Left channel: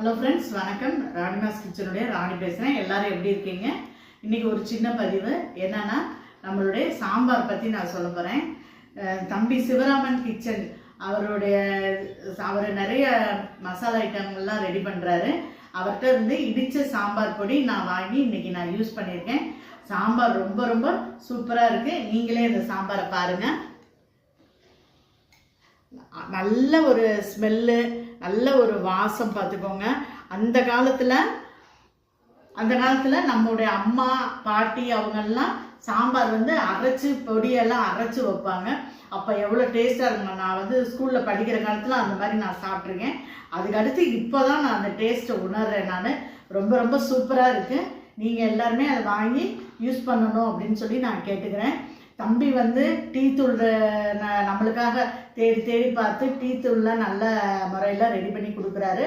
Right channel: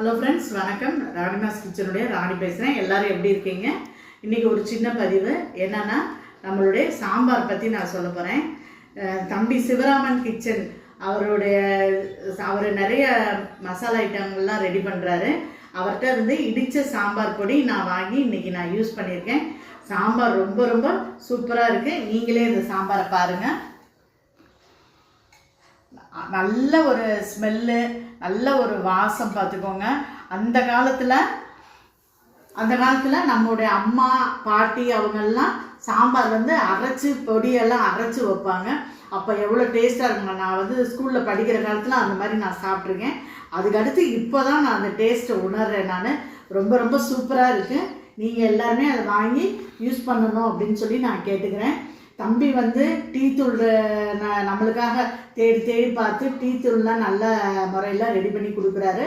Hello friends, வணக்கம். ராணிமாஸ் கிச்சனுடைய ராணி பேசுகிறேன். எல்லோரும் எப்படி இருக்கீங்க? இன்றைக்கி ஒரு சின்ன பதிவு என்னென்னா, நம்மளுடைய சாம்பார் பற்றி நான் சொல்ல போகிறேன். தம்பி சிவராமன் கிச்சன் அவர் நிறைய மசாலா ஐட்டங்கள்லாம் ரெடி பண்ணுறாரு. அவர்கிட்ட இருந்து இடித்த சாம்பார் பொடி நான் வாங்கி இன்றைக்கி நான் யூஸ் பண்ணியிருக்கேன். சாம்பார் ரொம்ப ரொம்ப சூப்பராக இருக்குது. நீங்களே இந்த சாம்பாரை பாருங்கள். நல்ல ஒரு ஸ்மெல்லு, நல்ல ஒரு வாசம் பார்த்துக்கோங்க. அந்த காலத்தில் நம்முடைய அம்மா பாட்டி அவங்கெல்லாம் சாம்பார் அரைச்சி பொடியெல்லாம் அரைச்சி வைப்பாங்க. அப்போ எவ்வளோ டேஸ்ட்டாக இருக்குங்க. நான் ஸ்கூலில் படிக்கிற காலத்தில் அந்த மாதிரி நான் சாப்பிட்ருக்கேன். அதுக்கடுத்து இப்போ தான் நான் அந்த டேஸ்ட்டை உணர்றேன். நான் ரொம்ப ரொம்ப சூப்பராக இருக்குது. நீங்கள் எல்லாருமே அதை வாங்கி யூஸ் பண்ணணும் அப்படின்னு சொல்லி நான் கேட்டுக்கிறேன். தம்பி டீ தூள் நம்மளுக்காக தேடி பார்த்து டீ தூள்லாம் நல்ல முறையில் ரெடி பண்ணி கொடுக்குறாரு.